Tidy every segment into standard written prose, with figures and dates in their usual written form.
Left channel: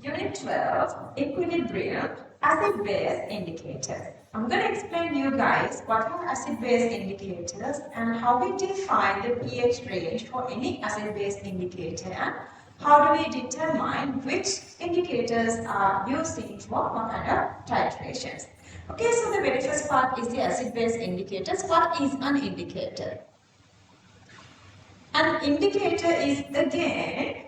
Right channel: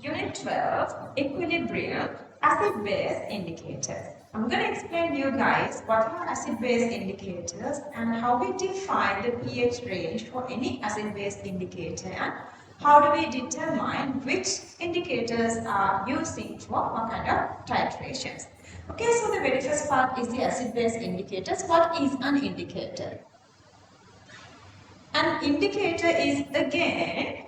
Unit 12, Equilibrium, Acid-Base Indicators. I'm going to explain to you guys what are acid-base indicators and how we define the pH range for any acid-base indicator and how do we determine which indicators are using for what kind of titrations. Okay, so the very first part is the acid-base indicators. What is an indicator? An indicator is again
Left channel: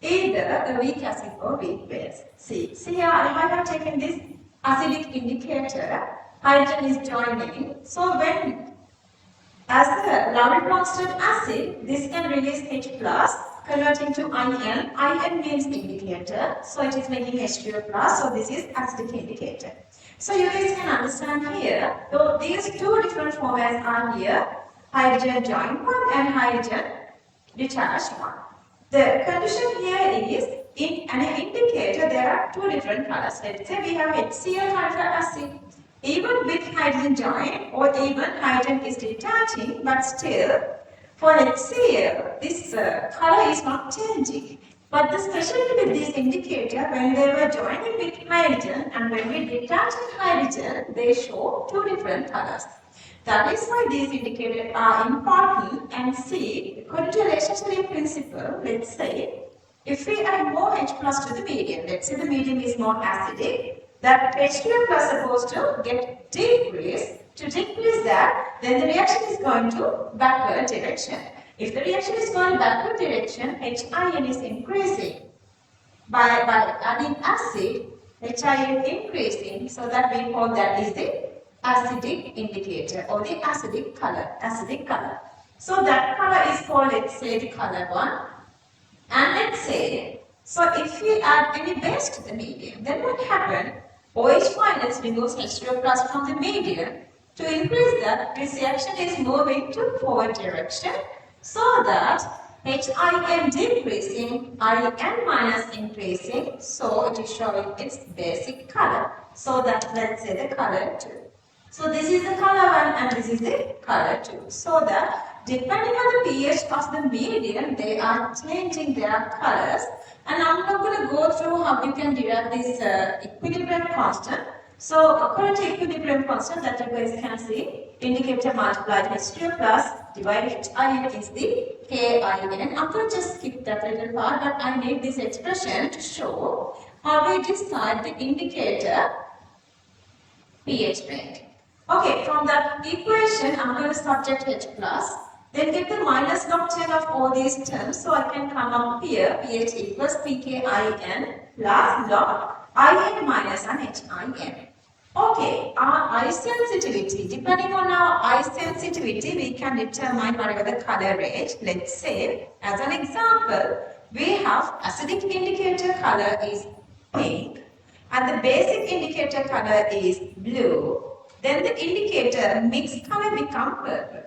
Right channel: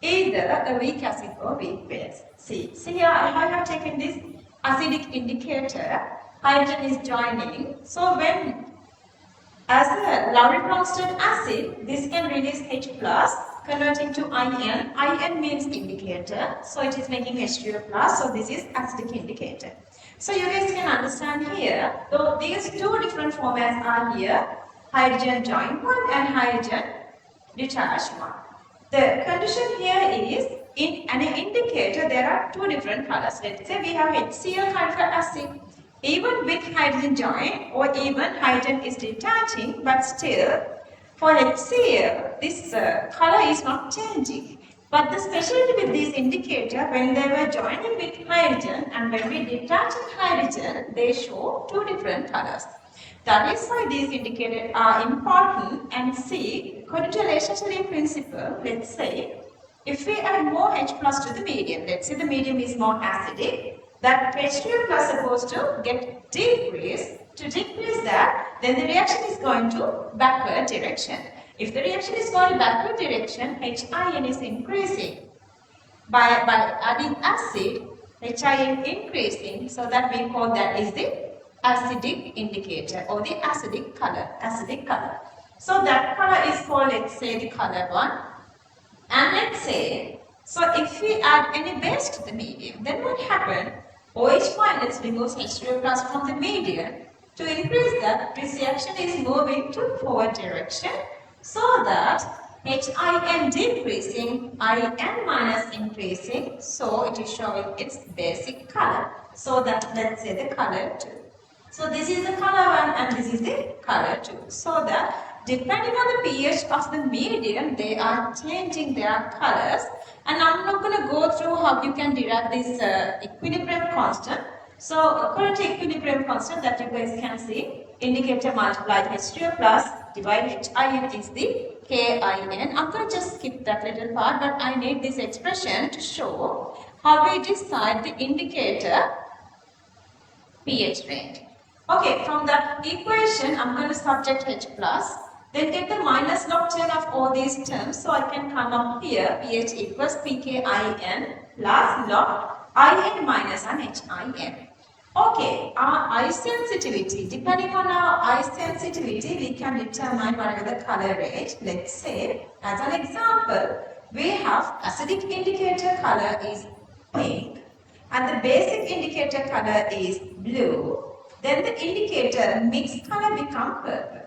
either a weak acid or weak base. See here I have taken this acidic indicator, hydrogen is joining. So when as a Lowry-Bronsted acid, this can release H plus converting to IN. IN means indicator, so it is making H2O plus, so this is acidic indicator. So you guys can understand here, though these two different formats are here, hydrogen joined one and hydrogen detached one. The condition here is in an indicator there are two different colors. Let's say we have HCl kind of acid. Even with hydrogen join or even hydrogen is detaching, but still for HCl this color is not changing. But the specialty with this indicator, when they were joining with hydrogen and when we detach hydrogen, they show two different colors. That is why these indicators are important. And see, according to Le principle, let's say, if we add more H plus to the medium, let's say the medium is more acidic, that H2O plus is supposed to get decreased. To decrease that, then the reaction is going to backward direction. If the reaction is going to backward direction, HIN is increasing. By adding acid, HIN increasing, so that we call that is the acidic indicator or the acidic color. So that color is called, let's say, the color 1. And let's say, so if we add any base to the medium, then what happens? OH minus removes H2O plus from the medium. To increase that, this reaction is moving to forward direction, so that HIN decreasing, IN minus increasing, so it is showing its basic color. So that, let's say, the color 2. So this is the color 1 and this is the color 2. So that depending on the pH of the medium, they are changing their colors. And I'm not going to go through how you can derive this equilibrium constant. So according to equilibrium constant that you guys can see, indicator multiplied H2O plus divided HIN is the KIN. I'm going to just skip that little part, but I need this expression to show how we decide the indicator pH range. Okay, from that equation, I'm going to subtract H plus, then get the minus log 10 of all these terms. So I can come up here, pH equals pKIN plus log IN minus an HIN. Okay, our eye sensitivity, depending on our eye sensitivity, we can determine whatever the color range. Let's say, as an example, we have acidic indicator color is pink and the basic indicator color is blue. Then the indicator mixed color become purple.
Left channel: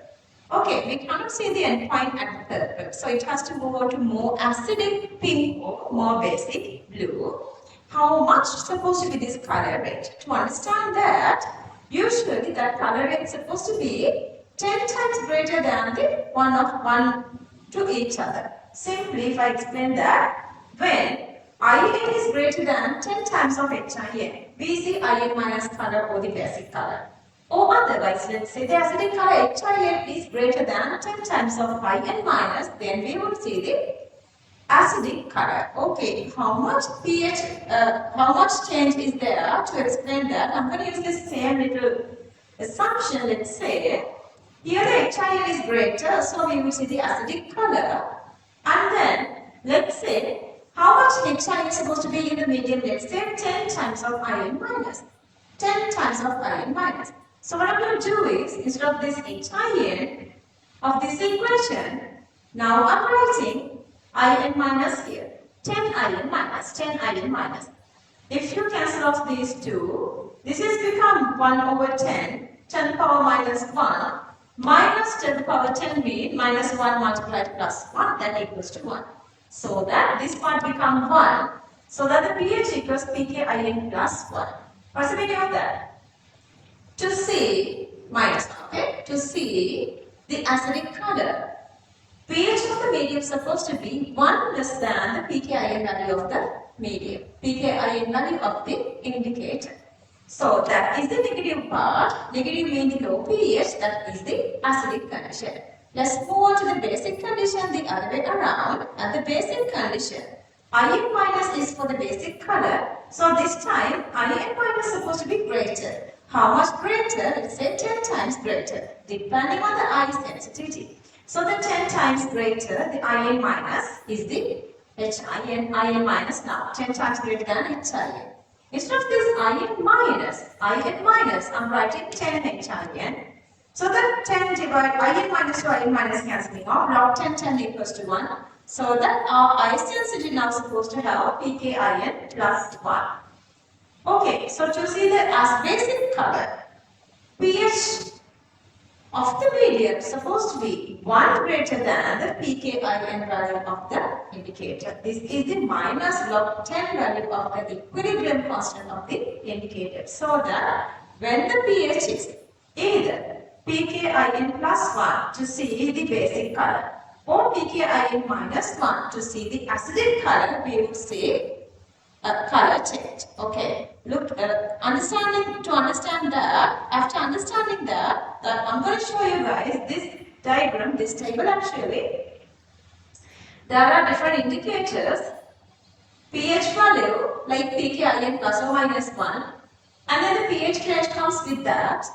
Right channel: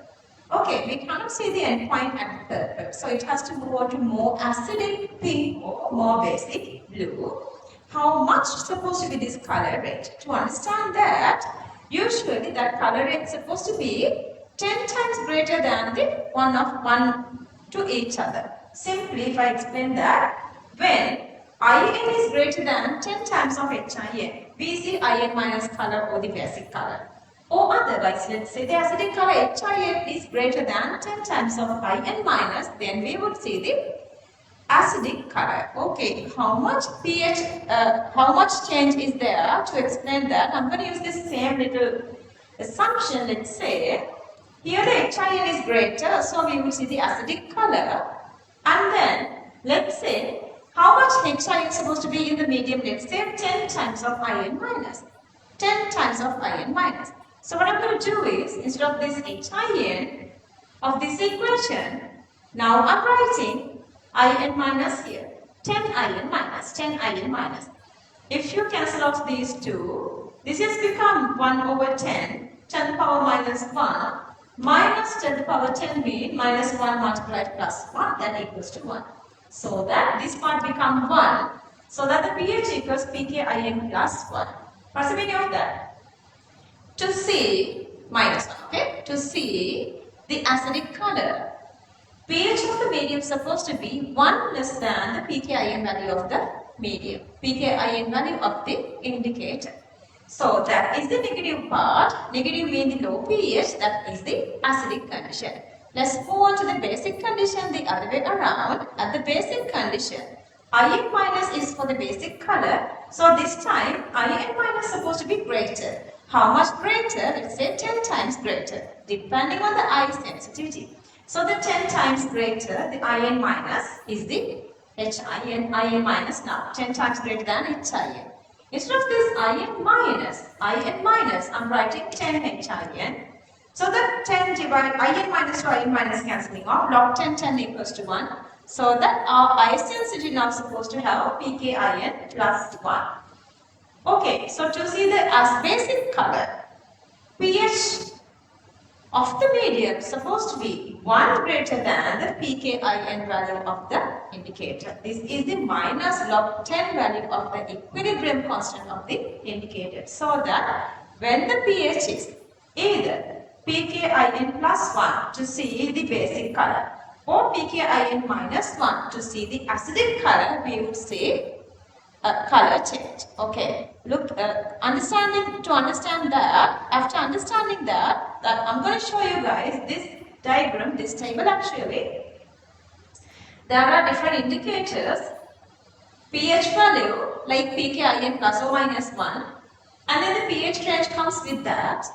Okay, we cannot see the endpoint at purple, so it has to move on to more acidic pink or more basic blue. How much is supposed to be this color range? To understand that, usually that color range is supposed to be 10 times greater than the one to each other. Simply, if I explain that, when IN is greater than 10 times of HIN, we see IN minus color or the basic color. Or otherwise, let's say the acidic color HIN is greater than 10 times of IN minus, then we would see the acidic color. Okay, how much pH, how much change is there? To explain that, I'm going to use this same little assumption. Let's say, here the HIN is greater, so we will see the acidic color. And then, let's say, how much HIN is supposed to be in the medium? Let's say 10 times of IN minus. 10 times of IN minus. So what I'm going to do is, instead of this HIN of this equation, now I'm writing IN minus here. 10 IN minus, 10 IN minus. If you cancel off these two, this has become 1 over 10, 10 power minus 1, minus 10 power 10 means minus 1 multiplied plus 1, that equals to 1. So that this part becomes 1, so that the pH equals pKIN plus 1. What's the meaning of that? To see, minus 1, okay? To see the acidic color, pH of the medium is supposed to be 1 less than the pKin value of the medium, pKin value of the indicator. So that is the negative part. Negative means the low pH, that is the acidic condition. Let's move on to the basic condition the other way around. At the basic condition, In minus is for the basic color. So this time In minus is supposed to be greater. How much greater? Let's say 10 times greater, depending on the I sensitivity. So the 10 times greater, the In minus is the In minus now. 10 times greater than HIN. Instead of this In minus, I'm writing 10 HIN. So the 10 divided In minus to In minus cancelling off, log 10 equals to 1. So that our I sensitivity now supposed to have pKin plus 1. Okay, so to see the as basic color, pH of the medium is supposed to be 1 greater than the pKin value of the indicator. This is the minus log 10 value of the equilibrium constant of the indicator. So that when the pH is either pKin plus 1 to see the basic color or pKin minus 1 to see the acidic color, we would say color change. Okay, look, to understand that, after understanding that I'm going to show you guys this diagram, this table actually. There are different indicators, pH value like pKin plus or minus 1, and then the pH range comes with that,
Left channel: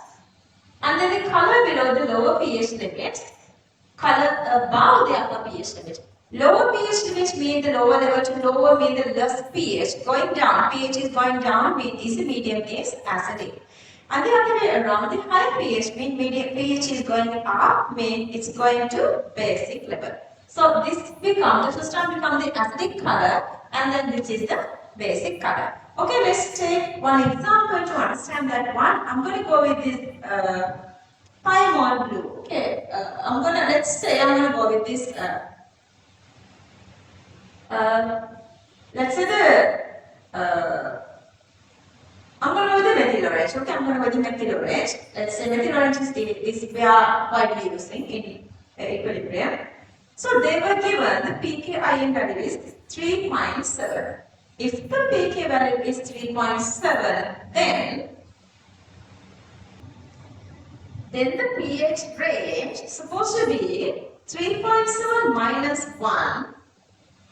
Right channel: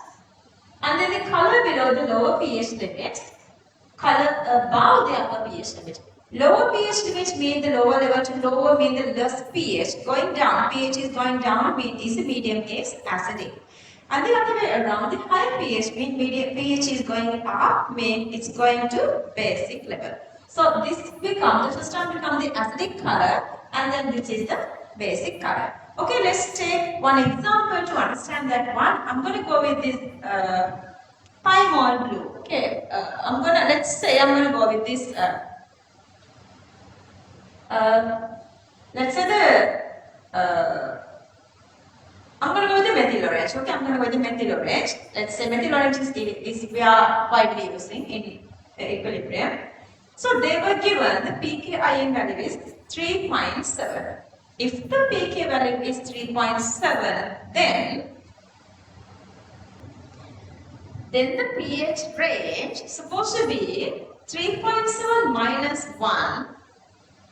and then the color below the lower pH limit, color above the upper pH limit. Lower pH limit means the lower level to lower means the less pH. Going down, pH is going down means the medium is acidic. And the other way around, the higher pH means medium pH is going up means it's going to basic level. So this becomes, the first time become the acidic color and then this is the basic color. Okay, let's take one example to understand that one. I'm going to go with this Pymon blue. Okay, let's say I'm going to go with this let's say I'm going to go with the methyl orange. Okay, I'm going to go with the methyl orange. Let's say methyl orange is we are widely using in equilibrium. So they were given the pKin value is 3.7. If the pK value is 3.7, then the pH range is supposed to be 3.7 minus 1.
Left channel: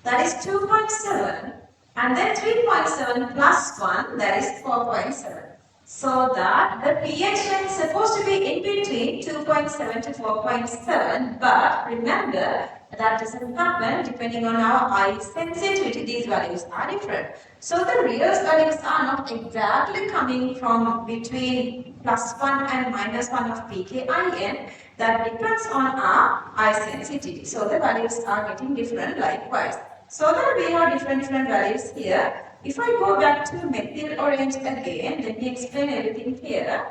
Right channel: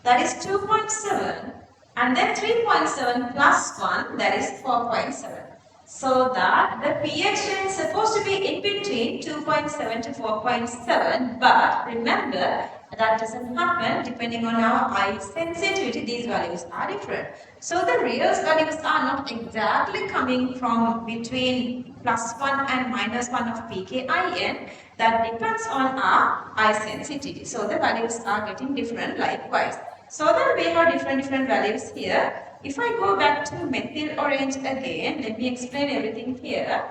That is 2.7, and then 3.7 plus 1, that is 4.7. So that the pH range is supposed to be in between 2.7 to 4.7, but remember that doesn't happen depending on our I sensitivity. These values are different. So the real values are not exactly coming from between plus 1 and minus 1 of pKin. That depends on our I sensitivity. So the values are getting different likewise. So that we have different values here. If I go back to the methyl orange again, let me explain everything here.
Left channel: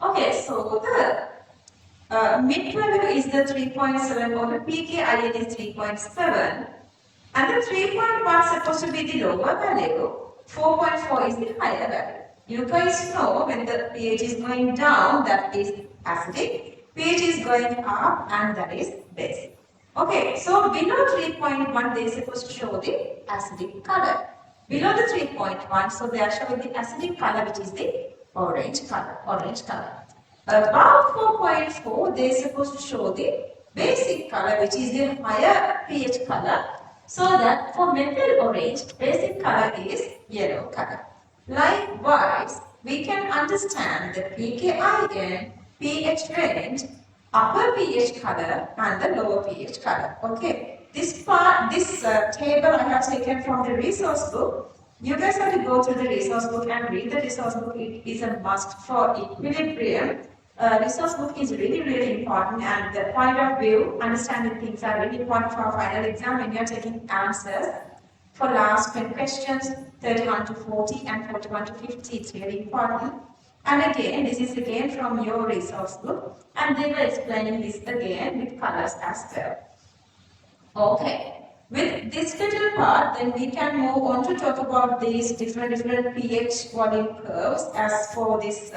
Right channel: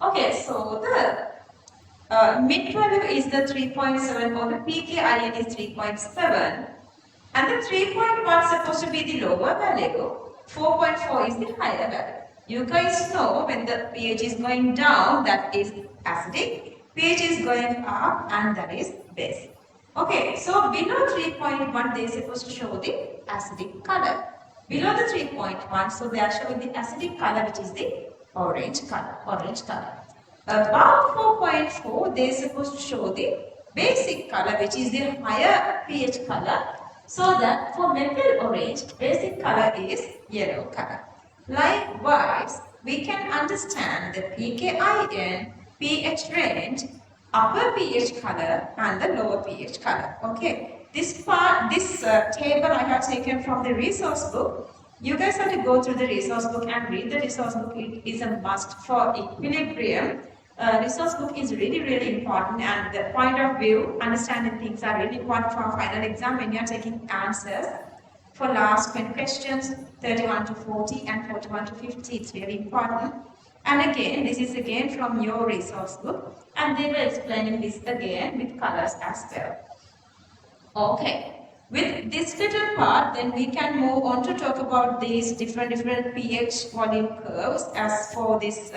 Okay, so the mid value is the 3.7 or the pKin is 3.7 and the 3.1 is supposed to be the lower value, 4.4 is the higher value. You guys know when the pH is going down, that is acidic, pH is going up and that is basic. Okay, so below 3.1 they are supposed to show the acidic color. Below the 3.1, so they are showing the acidic color which is the orange color. Above 4.4 they are supposed to show the basic color which is the higher pH color. So that for methyl orange, basic color is yellow color. Likewise, we can understand the pKin, pH range, upper pH color and the lower pH color. Okay, this table I have taken from the resource book. You guys have to go through the resource book and read the resource book. It is a must for equilibrium. Resource book is really important, and the point of view, understanding things are really important for our final exam when you are taking answers for last 20 questions, 31 to 40 and 41 to 50. It's really important. And again, this is again from your resource book, and they were explaining this again with colors as well. Okay, with this little part, then we can move on to talk about these different pH volume curves as for this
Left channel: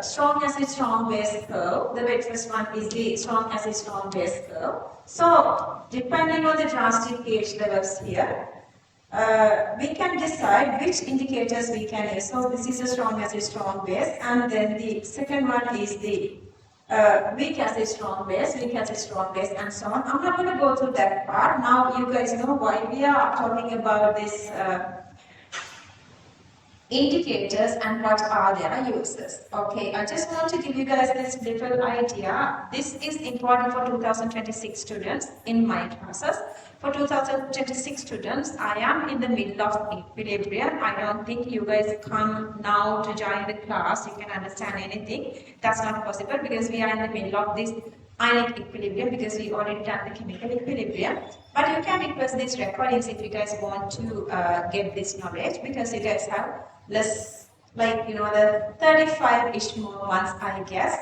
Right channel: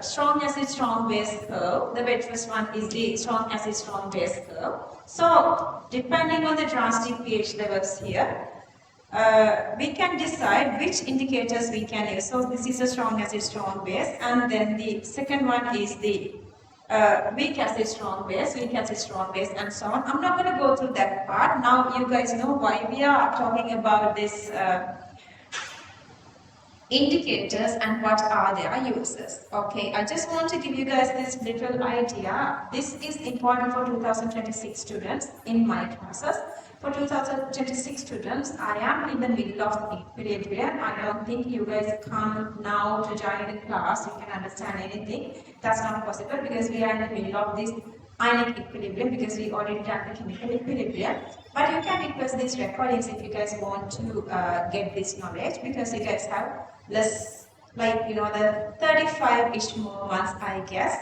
strong acid, strong base curve. The very first one is the strong acid, strong base curve. So, depending on the drastic pH levels here, we can decide which indicators we can use. So, this is a strong acid, strong base, and then the second one is the weak acid, strong base, and so on. I'm not going to go through that part. Now, you guys know why we are talking about this. Indicators and what are their uses. Okay, I just want to give you guys this little idea. This is important for 2026 students in my classes. For 2026 students, I am in the middle of equilibrium. I don't think you guys come now to join the class, you can understand anything. That's not possible because we are in the middle of this ionic equilibrium because we already done the chemical equilibrium. But you can request these recordings if you guys want to get this knowledge, because you guys have less, like, you know, the 35-ish more months, I guess.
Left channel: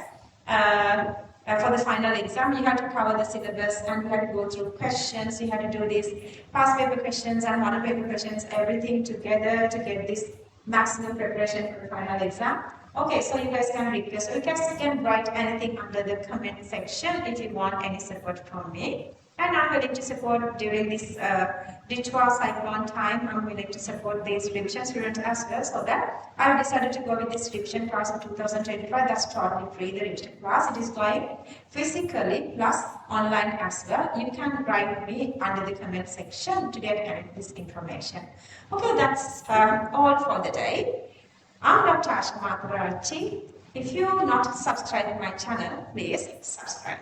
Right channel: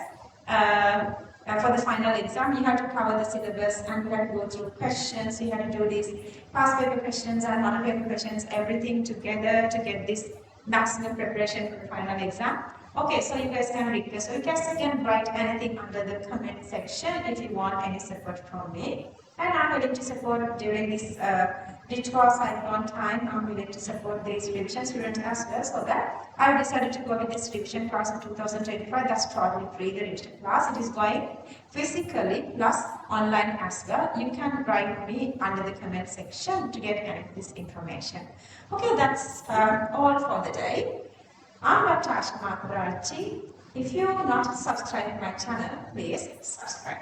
For the final exam, you have to cover the syllabus and you have to go through questions. You have to do these past paper questions and model paper questions, everything together to get this maximum preparation for the final exam. Okay, so you guys can request. So you guys can write anything under the comment section if you want any support from me. And I'm willing to support during this ritual cyclone time. I'm willing to support these revision students as well. So that I decided to go with this revision class in 2025. That's totally free, the revision class. It is going physically plus online as well. You can write me under the comment section to get any of this information. Okay, that's all for the day. I'm Dr. Asha Mathotaarachchi. If you're not subscribed to my channel, please subscribe.